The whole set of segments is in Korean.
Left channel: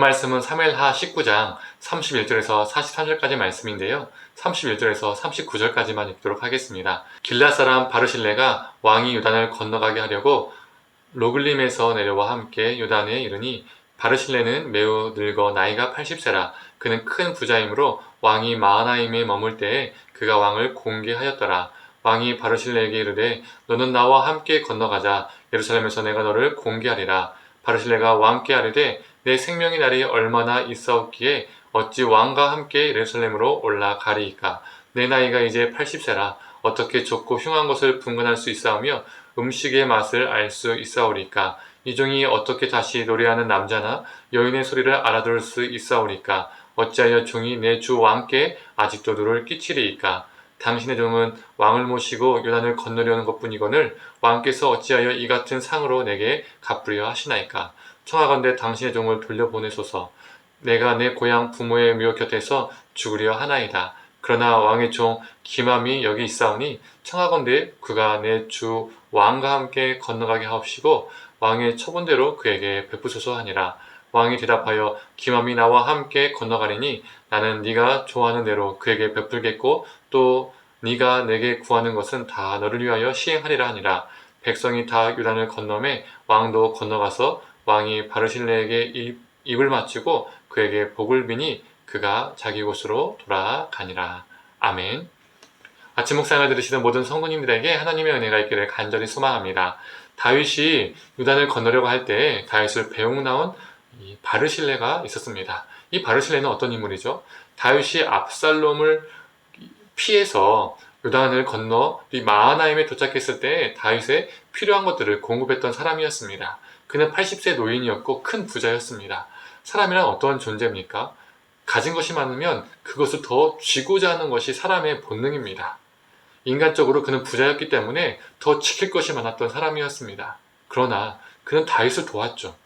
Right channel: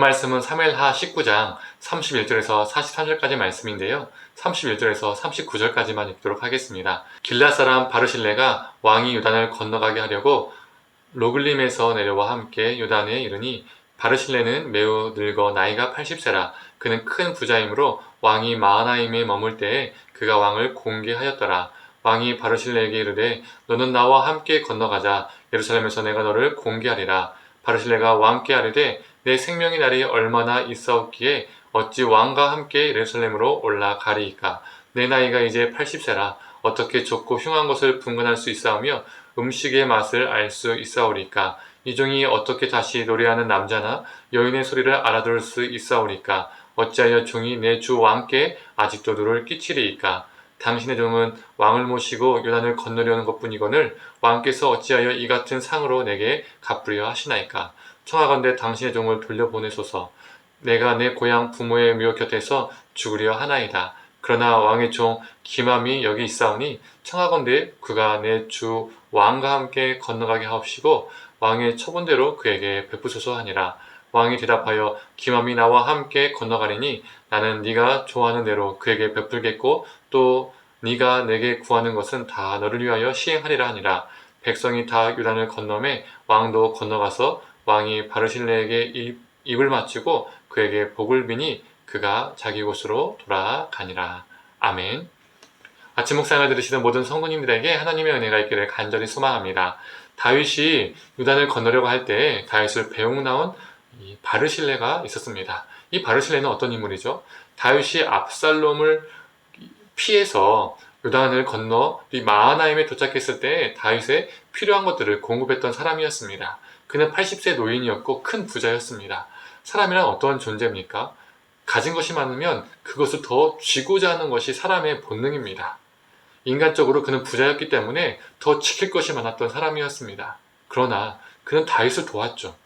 오늘 말씀은 사무엘하 19장 31절에서 43절까지 말씀인데요. 31절에서 39절까지만 읽도록 하겠습니다. 길앗 사람 바르실레가 왕이 요단을 건너가게 하려고 로글림에서 내려와 함께 요단에 이르니 바르실레는 매우 늙어 나이가 80세라. 그는 큰 부자이므로 왕이 마하나임에 머물 때에 그가 왕을 공개하였더라. 왕이 바르실레에게 이르되 너는 나와 함께 건너가자. 예루살렘에서 내가 너를 공개하리라. 바르실레가 왕께 아뢰되 내 생명의 날이 얼마나 있사옵기에 어찌 왕과 함께 예루살렘으로 올라가리이까. 내 나이가 이제 80세라. 어떻게 좁고 흉한 것을 분간할 수 있사오며 음식의 맛을 알 수 있사오리까. 이 종이 어떻게 다시 노래하는 남자나 여인의 소리를 알아들을 수 있사오리까. 어찌하여 종이 내 주 왕께 아직도 누를 끼치리이까. 당신의 종은 왕을 모시고 요단을 건너려는 것뿐이거늘 왕께서 어찌하여 이 같은 상으로 내게 갚으려 하시나이까. 청하건대 당신의 종을 돌려보내소서. 내가 내 고향 부모의 묘 곁에서 죽으려 하나이다. 그러나 왕의 종 기맘이 여기 있사오니 청하건대 그가 내 주 왕과 함께 건너가게 하옵시고 왕의 처분대로 그에게 베푸소서 하니라. 왕이 대답하여 기맘이 나와 함께 건너가리니 나는 네가 좋아하는 대로 그에게 베풀겠고 또 네가 내게 구하는 것은 다 너를 위하여 시행하리라 하니라. 백성이 다 요단을 건너매 왕도 건너가서 왕이 바르실레에게 입을 맞추고 그에게 복을 비니 그가 자기 곳으로 돌아가니라. 아멘. 아침 묵상을 들으시는 모든 성도님들에게 하나님의 은혜가 있기를 간절히 소망합니다. 다윗이 요단을 건너려고 할 때 다윗을 배웅나온 이 바르실레가 있었습니다. 이 바르실레는 어떤 인물이죠? 다윗이 압살롬을 피해서 요단을 건너 마하나임에 도착했을 때 다윗에 필요한 것들을 공급했던 사람이었습니다. 그는 80세 노인이었고 큰 부자였습니다. 사람이란 어떤 존재입니까? 가진 것이 많으면 그것을 더 쥐고자 하는 것이 사람의 본능입니다. 인간적으로 그는 부자였기 때문에 더 지킬 것이 많았던 사람이었습니다. 그러나 그는 다윗을 도왔죠.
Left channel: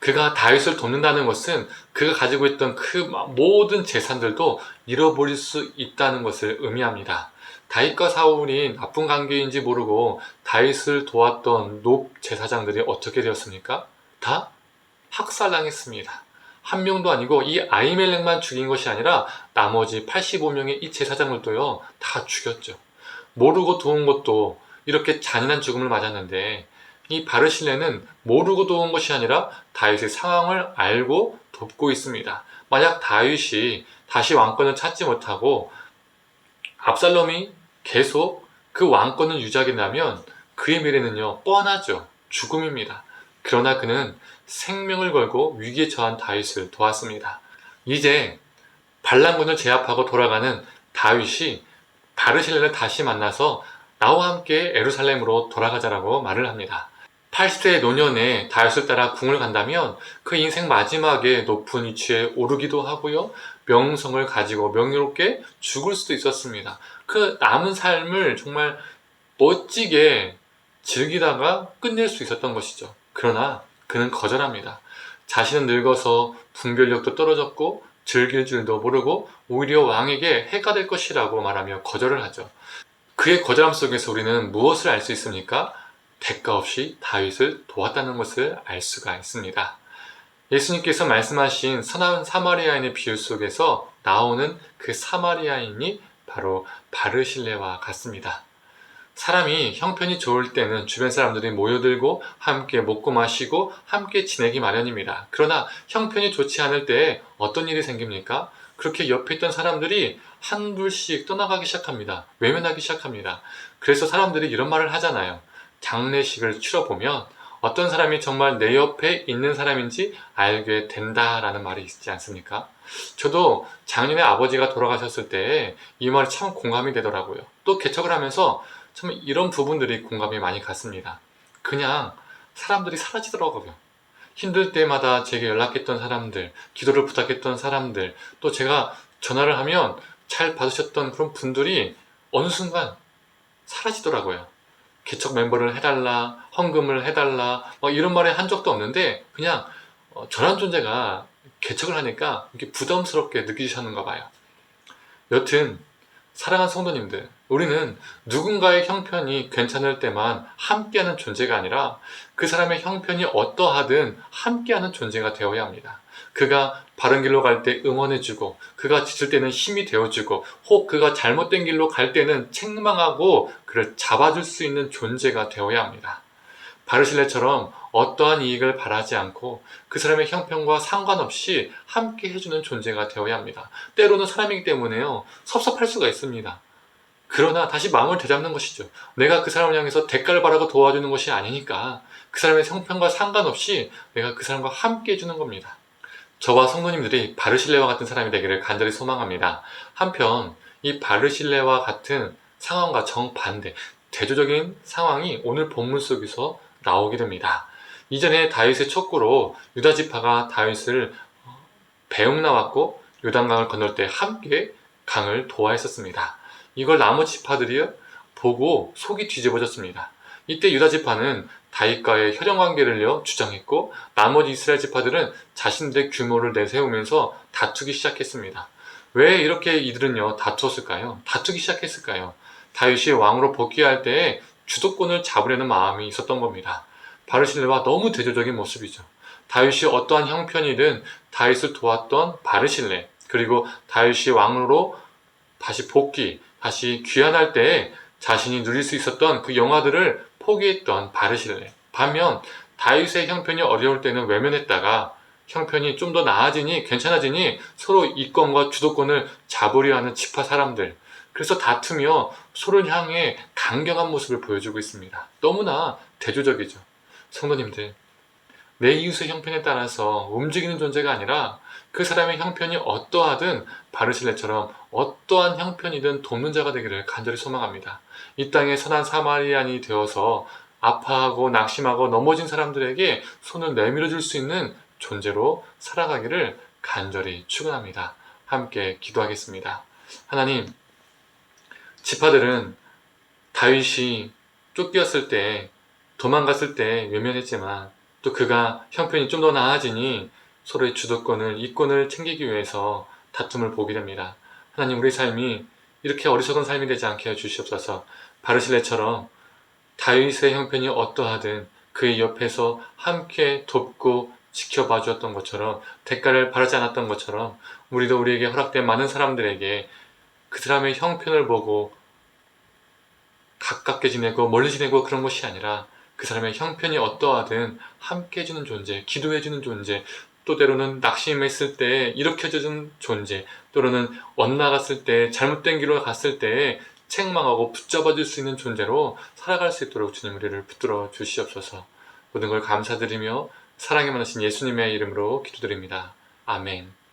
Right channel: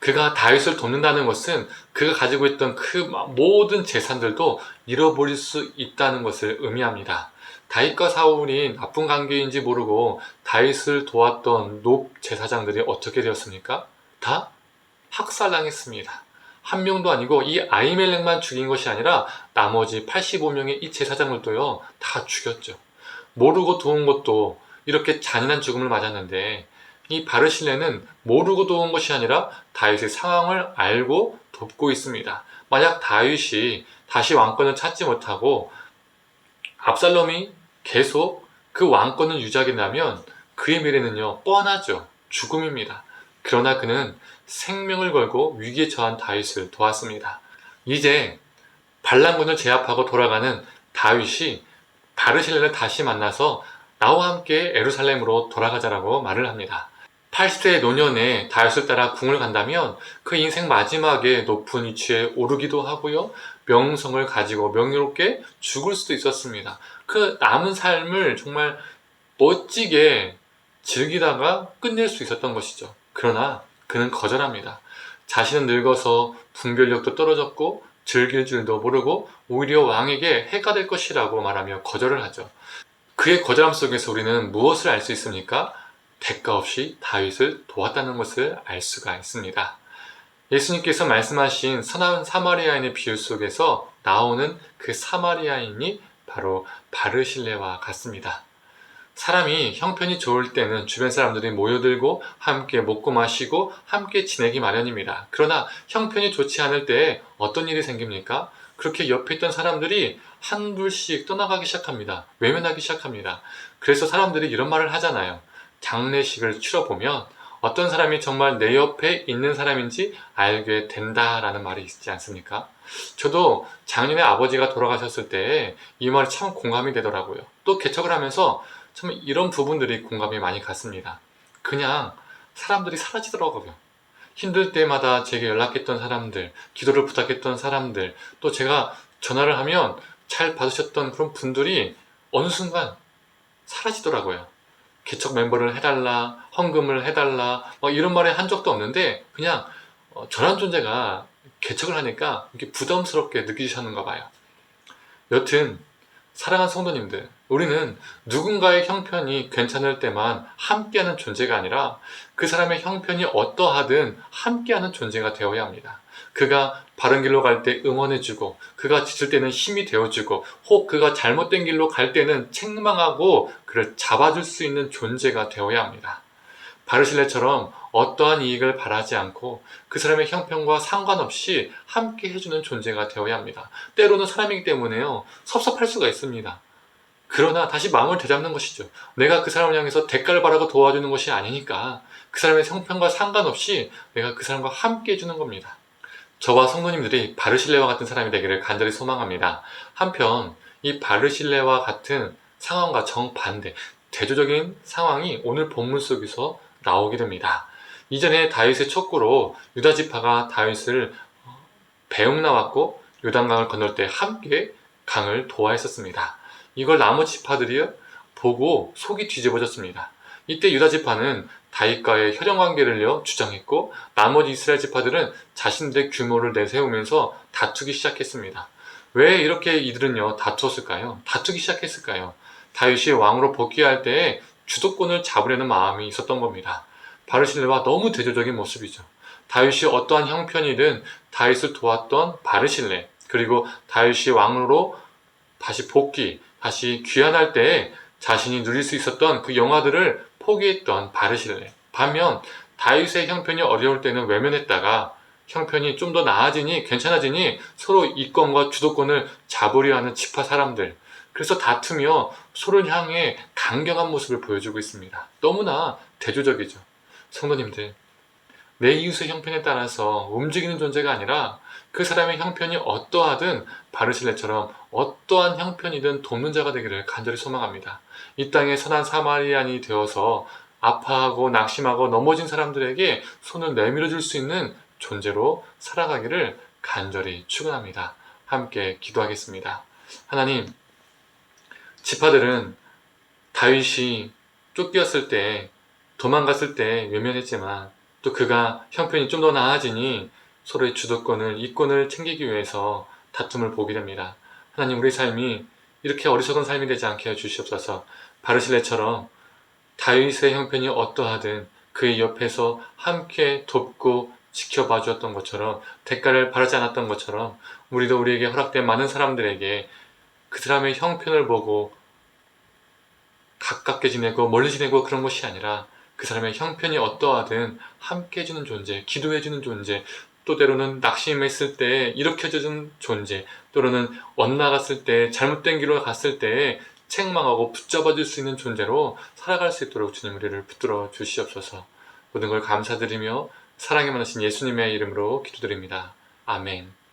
그가 다윗을 돕는다는 것은 그가 가지고 있던 그 모든 재산들도 잃어버릴 수 있다는 것을 의미합니다. 다윗과 사울이 나쁜 관계인지 모르고 다윗을 도왔던 높 제사장들이 어떻게 되었습니까? 다 학살당했습니다. 한 명도 아니고 이 아히멜렉만 죽인 것이 아니라 나머지 85명의 이 제사장들도요 다 죽였죠. 모르고 도운 것도 이렇게 잔인한 죽음을 맞았는데 이 바르실레는 모르고 도운 것이 아니라 다윗의 상황을 알고 돕고 있습니다. 만약 다윗이 다시 왕권을 찾지 못하고 압살롬이 계속 그 왕권을 유지하게 된다면 그의 미래는요 뻔하죠. 죽음입니다. 그러나 그는 생명을 걸고 위기에 처한 다윗을 도왔습니다. 이제 반란군을 제압하고 돌아가는 다윗이 바르실레를 다시 만나서 나와 함께 예루살렘으로 돌아가자라고 말을 합니다. 80세 노년에 다윗을 따라 궁을 간다면 그 인생 마지막에 높은 위치에 오르기도 하고요. 명성을 가지고 명예롭게 죽을 수도 있었습니다. 그 남은 삶을 정말 멋지게 즐기다가 끝낼 수 있었던 것이죠. 그러나 그는 거절합니다. 자신은 늙어서 분별력도 떨어졌고 즐길 줄도 모르고 오히려 왕에게 해가 될 것이라고 말하며 거절을 하죠. 그의 거절함 속에서 우리는 무엇을 알 수 있습니까? 대가 없이 다윗을 도왔다는 것을 알 수가 있습니다. 예수님께서 말씀하신 선한 사마리아인의 비유 속에서 나오는 그 사마리아인이 바로 바르실레와 같습니다. 사람이 형편이 좋을 때는 주변 사람들이 모여들고 함께 먹고 마시고 함께 지내기 마련입니다. 그러나 형편이 좋지 않을 때 어떤 일이 생깁니까? 그렇게 옆에 있던 사람들이 한둘씩 떠나가기 시작합니다. 외면하기 시작합니다. 그래서 사람들이 이런 말을 하잖아요. 장례식을 치러보면 어떤 사람이 정말 내 옆에 있는 사람인지 알게 된다라는 말이 있지 않습니까? 저도 작년에 아버지가 돌아가셨을 때 이 말이 참 공감이 되더라고요. 또 개척을 하면서 참 이런 부분들이 공감이 많이 갔습니다. 그냥 사람들이 사라지더라고요. 힘들 때마다 제게 연락했던 사람들, 기도를 부탁했던 사람들, 또 제가 전화를 하면 잘 받으셨던 그런 분들이 어느 순간 사라지더라고요. 개척 멤버를 해달라, 헌금을 해달라, 이런 말을 한 적도 없는데 그냥 저런 존재가 개척을 하니까 이렇게 부담스럽게 느끼셨는가 봐요. 여튼 사랑하는 성도님들, 우리는 누군가의 형편이 괜찮을 때만 함께하는 존재가 아니라 그 사람의 형편이 어떠하든 함께하는 존재가 되어야 합니다. 그가 바른 길로 갈 때 응원해주고, 그가 지칠 때는 힘이 되어주고, 혹 그가 잘못된 길로 갈 때는 책망하고 그를 잡아줄 수 있는 존재가 되어야 합니다. 바르실레처럼 어떠한 이익을 바라지 않고 그 사람의 형편과 상관없이 함께 해주는 존재가 되어야 합니다. 때로는 사람이기 때문에요, 섭섭할 수가 있습니다. 그러나 다시 마음을 되잡는 것이죠. 내가 그 사람을 향해서 대가를 바라고 도와주는 것이 아니니까 그 사람의 형편과 상관없이 내가 그 사람과 함께 해주는 겁니다. 저와 성도님들이 바르실레와 같은 사람이 되기를 간절히 소망합니다. 한편 이 바르실레와 같은 상황과 정반대, 대조적인 상황이 오늘 본문 속에서 나오게 됩니다. 이전에 다윗의 촉구로 유다 지파가 다윗을 배웅나왔고 요단강을 건널 때 함께 강을 도와했었습니다. 이걸 나머지 지파들이 보고 속이 뒤집어졌습니다. 이때 유다 지파는 다윗과의 혈연관계를 주장했고, 나머지 이스라엘 지파들은 자신들의 규모를 내세우면서 다투기 시작했습니다. 왜 이렇게 이들은요 다투었을까요? 다투기 시작했을까요? 다윗이 왕으로 복귀할 때에 주도권을 잡으려는 마음이 있었던 겁니다. 바르실레와 너무 대조적인 모습이죠. 다윗이 어떠한 형편이든 다윗을 도왔던 바르실레, 그리고 다윗이 왕으로 다시 복귀, 다시 귀환할 때에 자신이 누릴 수 있었던 그 영화들을 포기했던 바르실레. 반면 다윗의 형편이 어려울 때는 외면했다가 형편이 좀 더 나아지니, 괜찮아지니 서로 이권과 주도권을 잡으려 하는 지파 사람들, 그래서 다투며 서로를 향해 강경한 모습을 보여주고 있습니다. 너무나 대조적이죠. 성도님들, 내 이웃의 형편에 따라서 움직이는 존재가 아니라 그 사람의 형편이 어떠하든 바르실레처럼 어떠한 형편이든 돕는 자가 되기를 간절히 소망합니다. 이 땅에 선한 사마리안이 되어서 아파하고 낙심하고 넘어진 사람들에게 손을 내밀어 줄 수 있는 존재로 살아가기를 간절히 축원합니다. 함께 기도하겠습니다. 하나님, 지파들은 다윗이 쫓겼을 때, 도망갔을 때 외면했지만 또 그가 형편이 좀 더 나아지니 서로의 주도권을, 이권을 챙기기 위해서 다툼을 보게 됩니다. 하나님, 우리 삶이 이렇게 어리석은 삶이 되지 않게 해주시옵소서. 바르실레처럼 다윗의 형편이 어떠하든 그의 옆에서 함께 돕고 지켜봐 주었던 것처럼, 대가를 바라지 않았던 것처럼, 우리도 우리에게 허락된 많은 사람들에게 그 사람의 형편을 보고 가깝게 지내고 멀리 지내고 그런 것이 아니라 그 사람의 형편이 어떠하든 함께 해주는 존재, 기도해주는 존재, 또 때로는 낙심했을 때 일으켜주는 존재, 또는 엇나갔을 때, 잘못된 길로 갔을 때 책망하고 붙잡아줄 수 있는 존재로 살아갈 수 있도록 주님 우리를 붙들어 주시옵소서. 모든 걸 감사드리며 사랑이 많으신 예수님의 이름으로 기도드립니다. 아멘.